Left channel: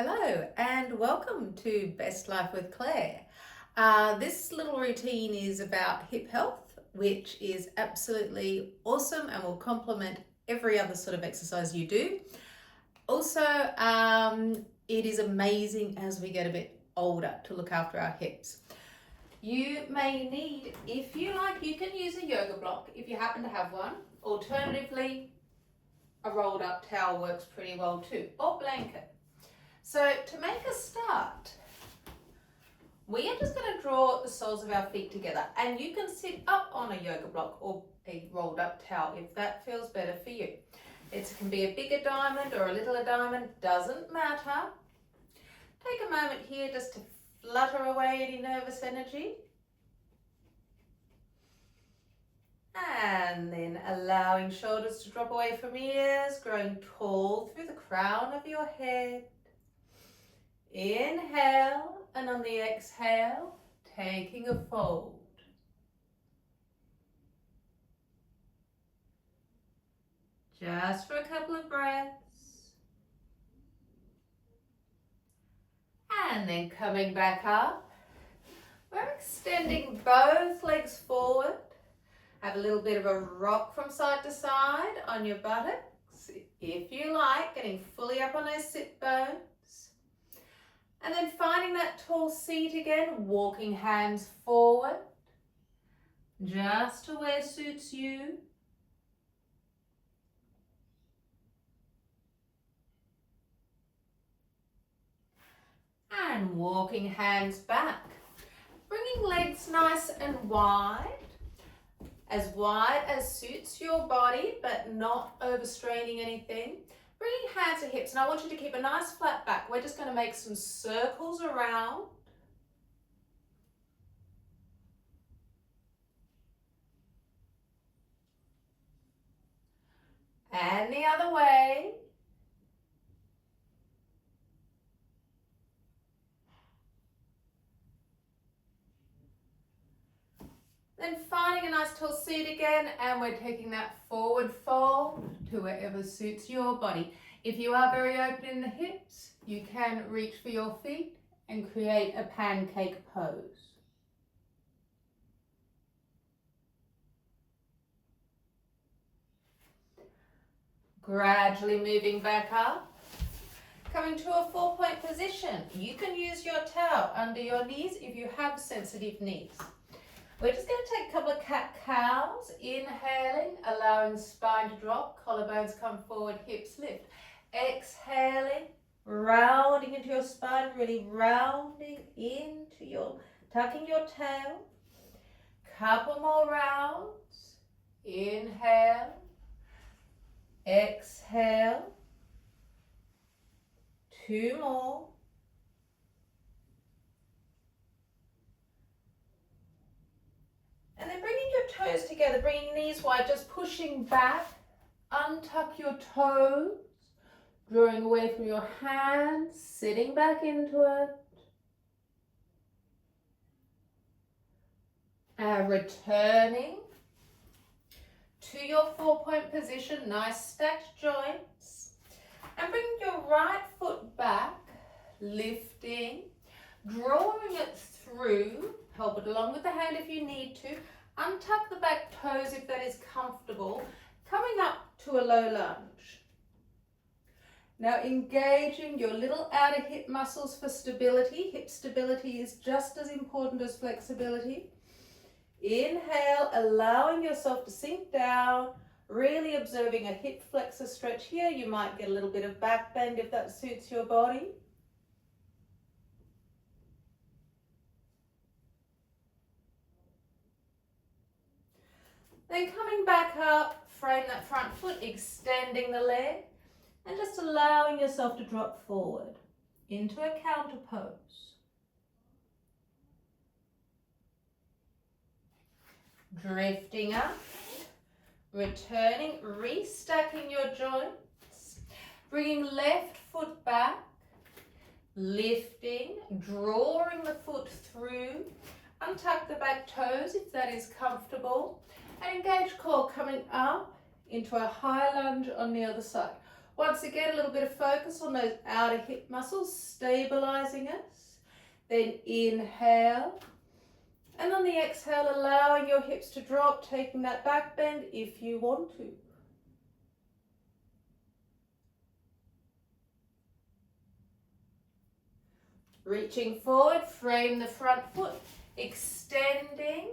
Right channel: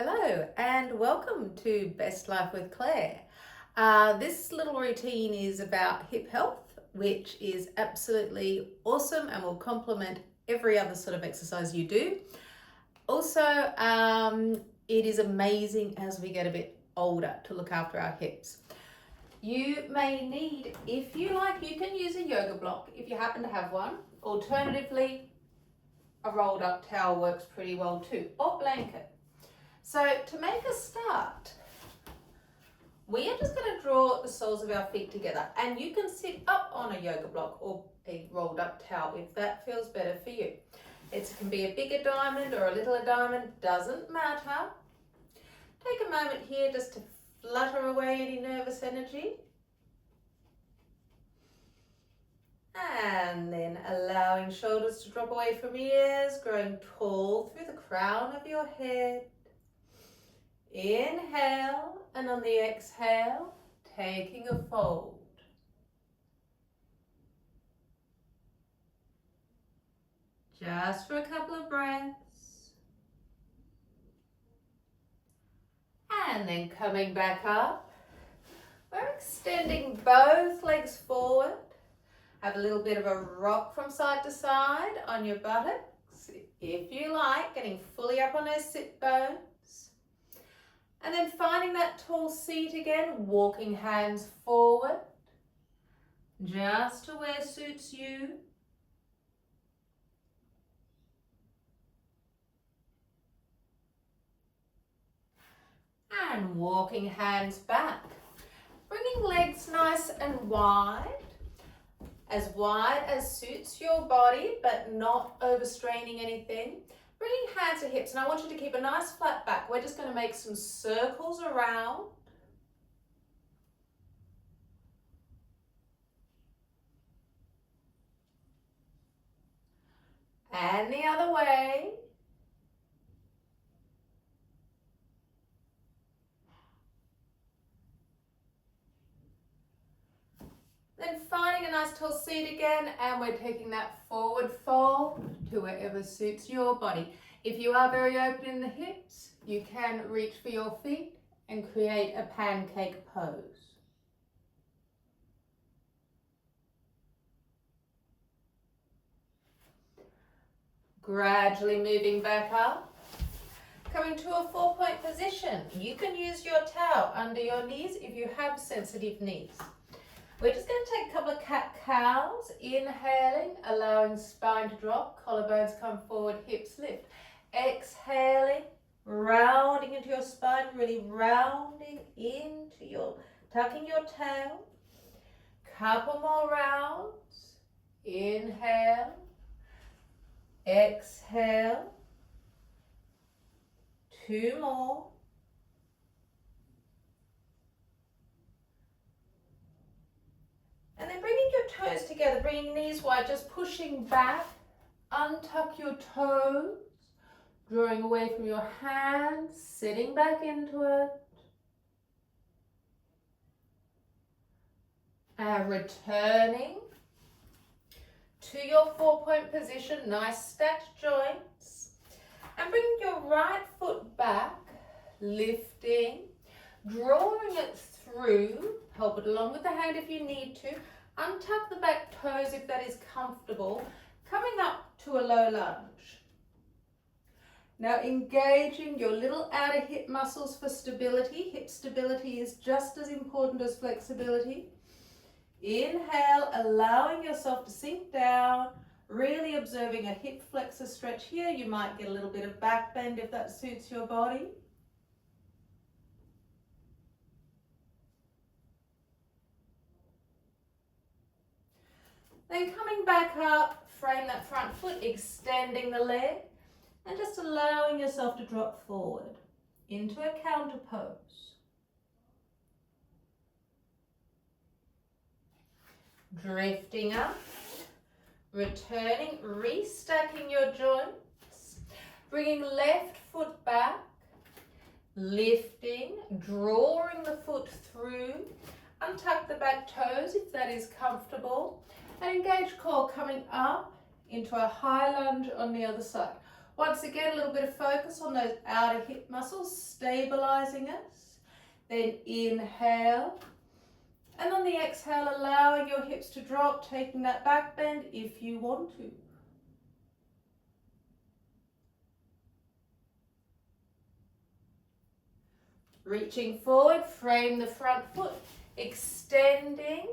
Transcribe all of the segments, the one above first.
Hello and welcome to Best Life with Claire. This little routine is about hip health, which is absolutely awesome and will complement every other sort of exercise you do. Also, it is amazing as we get a bit older to look after our hips. You may need, if you like, you can use a yoga block if you happen to have one. Alternatively, a rolled up towel works pretty well too, or blanket. So to make a start, we are just going to draw the soles of our feet together, and you can sit up on a yoga block or a rolled up towel if that feels better for you. It can be a bigger diamond or a littler diamond, doesn't matter. Take a moment here just to flutter away any nervous energy. And then allowing shoulders to drop away from ears, growing tall through the crown of your head. Inhale, and on the exhale, taking a fold. Just for a couple of breaths. And then coming back up, we're extending both legs forward. Have a little bit of a rock from side to side on your buttocks, if you like, getting fully up on those sit bones. And then finding that tall seat again, walking hands forward, just to where suits you. And walking hands back. Bringing legs nice and wide as suits your body, but not overstraining anything. Bringing hands to hips, and I want you to keep a nice flat back. We're just going to make some circles around. And the other way. Then finding a nice tall seat again, and we're taking that forward fold to wherever suits your body. If you are very open in the hips, you can reach for your feet and create a pancake pose. Gradually moving back up, coming to a 4-point position. You can use your towel under your knees if you have sensitive knees. We're just going to take a couple of cat-cows, inhaling, allowing spine to drop, collarbones come forward, hips lift. Exhaling, rounding into your spine, really rounding into your, tucking your tail. Couple more rounds. Inhale, exhale. 2 more. And then bringing your toes together, bringing knees wide, just pushing back. Untuck your toes, drawing away from your hands, sitting back into it. And returning to your 4-point position, nice stacked joints. And bringing your right foot back, lifting, drawing it through. Help it along with the hand if you need to. Untuck the back toes if that is comfortable. Coming up to a low lunge. Now engaging your little outer hip muscles for stability. Hip stability is just as important as flexibility. Inhale, allowing yourself to sink down. Really observing a hip flexor stretch here. You might get a little bit of back bend if that suits your body. Then coming back up, frame that front foot, extending the leg, and just allowing yourself to drop forward into a counter pose. Drifting up, returning, restacking your joints, bringing left foot back, lifting, drawing the foot through, untuck the back toes if that is comfortable. And engage core coming up into a high lunge on the other side. Once again, a little bit of focus on those outer hip muscles, stabilizing us. Then inhale. And on the exhale, allowing your hips to drop, taking that back bend if you want to. Reaching forward, frame the front foot, extending.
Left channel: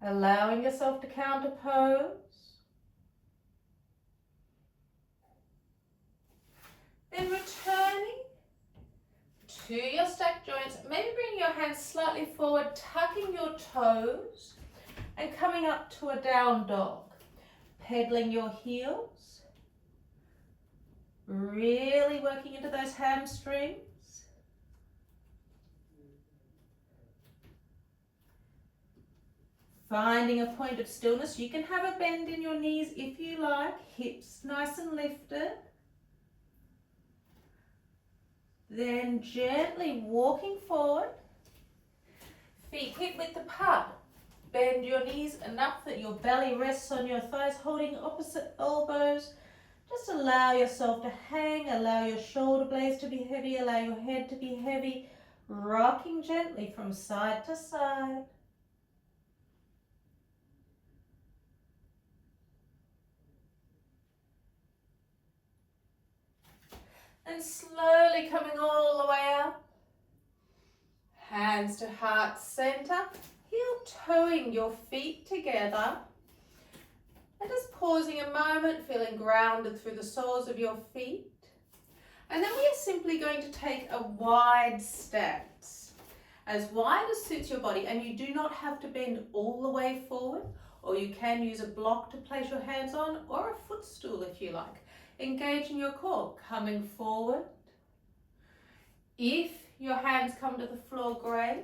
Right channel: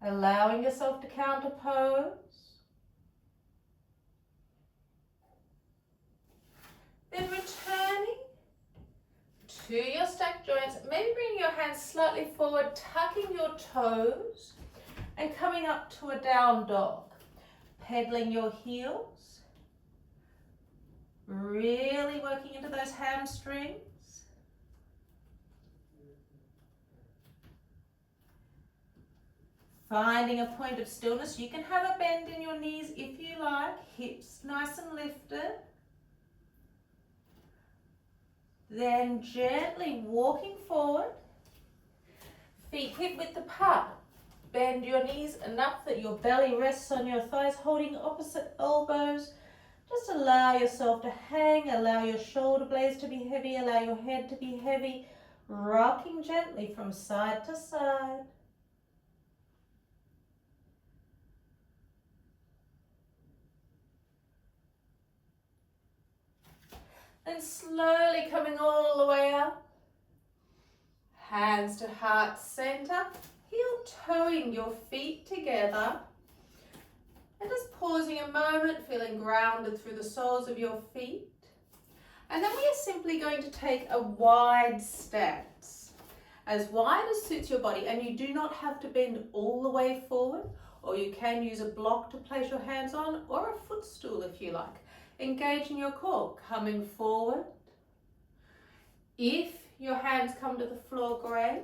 Allowing yourself to counter pose. Then returning to your stacked joints, maybe bringing your hands slightly forward, tucking your toes, and coming up to a down dog. Pedaling your heels, really working into those hamstrings. Finding a point of stillness. You can have a bend in your knees if you like, hips nice and lifted. Then gently walking forward, feet hip width apart. Bend your knees enough that your belly rests on your thighs, holding opposite elbows. Just allow yourself to hang, allow your shoulder blades to be heavy, allow your head to be heavy, rocking gently from side to side. And slowly coming all the way up. Hands to heart center, heel toeing your feet together. And just pausing a moment, feeling grounded through the soles of your feet. And then we are simply going to take a wide stance. As wide as suits your body, and you do not have to bend all the way forward, or you can use a block to place your hands on, or a footstool if you like. Engaging your core, coming forward. If your hands come to the floor, great.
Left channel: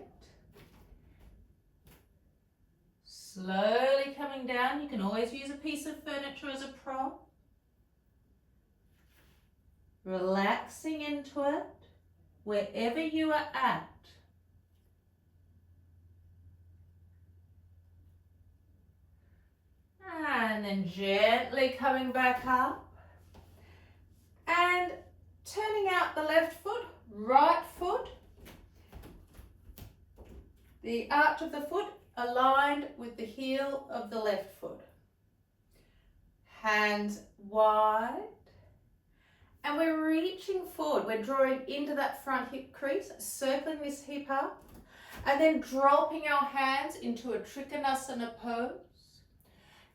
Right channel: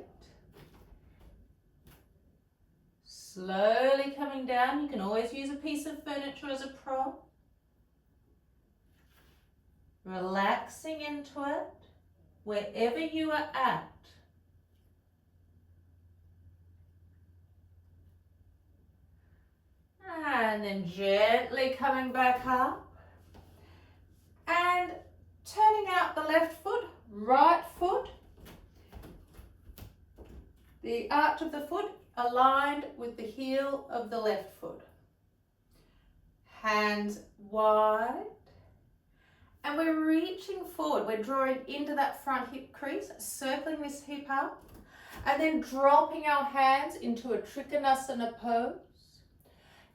Slowly coming down. You can always use a piece of furniture as a prop. Relaxing into it, wherever you are at. And then gently coming back up. And turning out the left foot, right foot. The arch of the foot aligned with the heel of the left foot. Hands wide. And we're reaching forward. We're drawing into that front hip crease, circling this hip up. And then dropping our hands into a Trikonasana pose.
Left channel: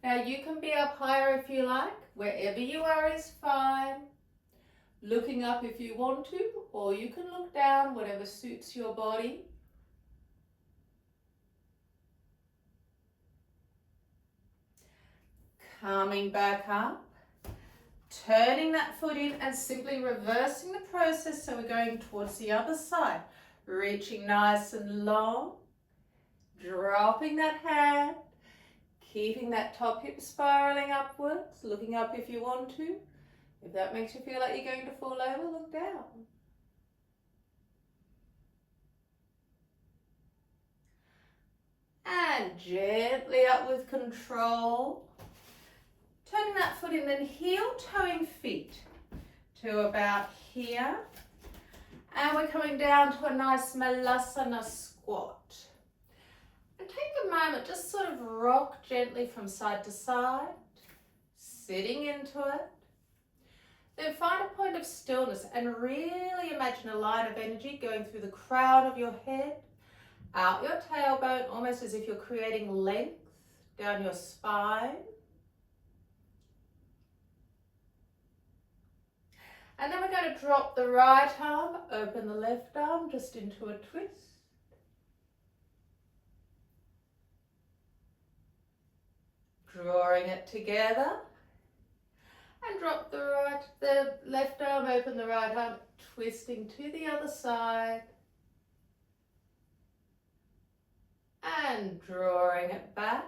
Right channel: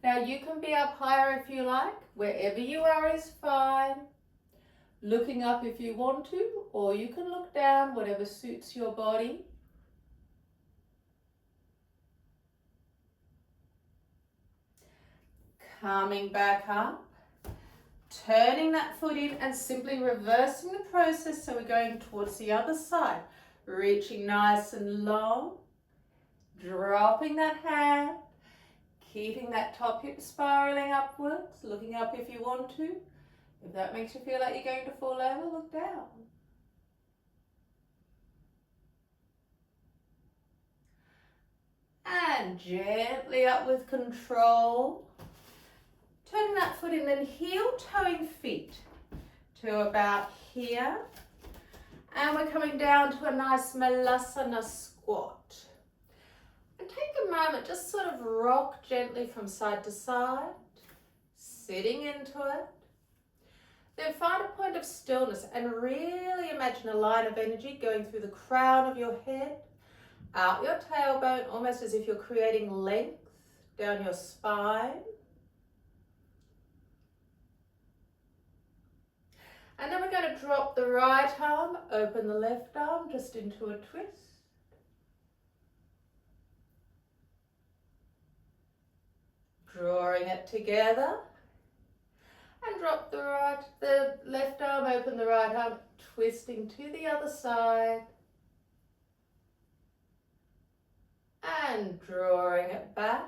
Now you can be up higher if you like. Wherever you are is fine. Looking up if you want to, or you can look down, whatever suits your body. Coming back up, turning that foot in and simply reversing the process. So we're going towards the other side, reaching nice and long, dropping that hand, keeping that top hip spiraling upwards, looking up if you want to. If that makes you feel like you're going to fall over, look down. And gently up with control. Turning that foot in, then heel toeing feet to about here. And we're coming down to a nice Malasana squat. And take a moment, just sort of rock gently from side to side, sitting into it. Then find a point of stillness and really imagine a line of energy going through the crown of your head, out your tailbone, almost as if you're creating length down your spine. And then we're going to drop the right arm, open the left arm just into a twist. Drawing it together. And drop the left arm, open the right arm, twisting to the other side. And drawing it back.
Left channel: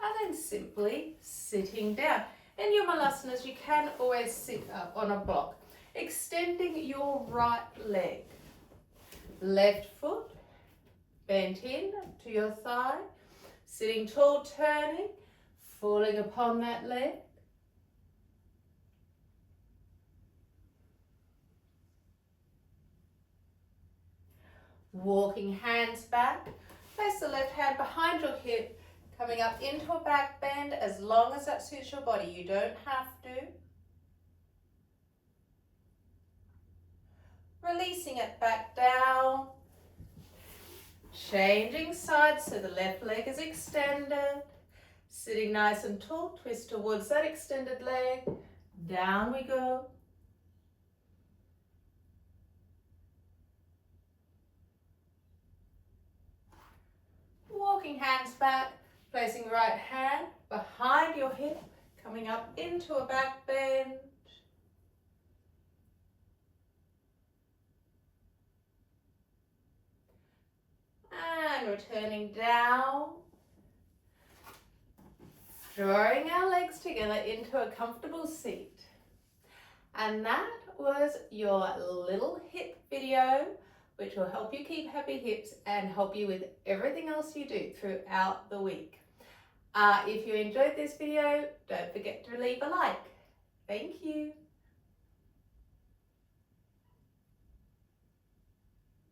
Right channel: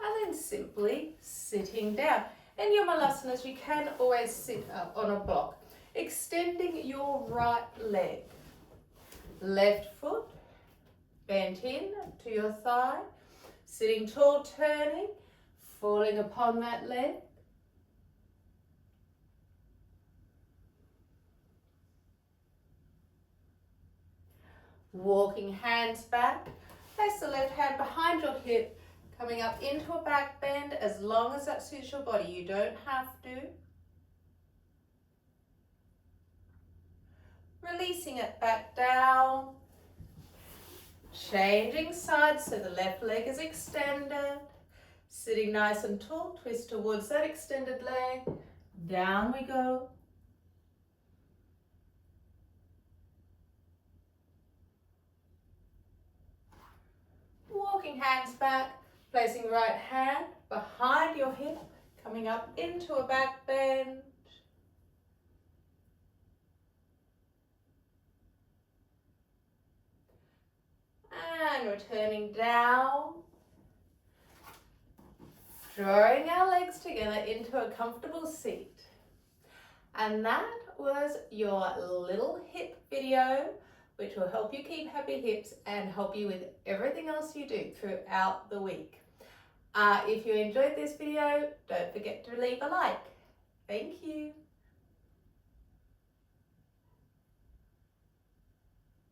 And then simply sitting down. In your Malasanas, you can always sit up on a block, extending your right leg. Left foot bent in to your thigh, sitting tall, turning, falling upon that leg. Walking hands back, place the left hand behind your hip, coming up into a back bend as long as that suits your body. You don't have to. Releasing it back down. Changing sides so the left leg is extended. Sitting nice and tall, twist towards that extended leg. Down we go. Walking hands back, placing right hand behind your hip, coming up into a back bend. And returning down. Drawing our legs together into a comfortable seat. And that was your little hip video, which will help you keep happy hips and help you with everything else you do throughout the week. If you enjoyed this video, don't forget to leave a like. Thank you.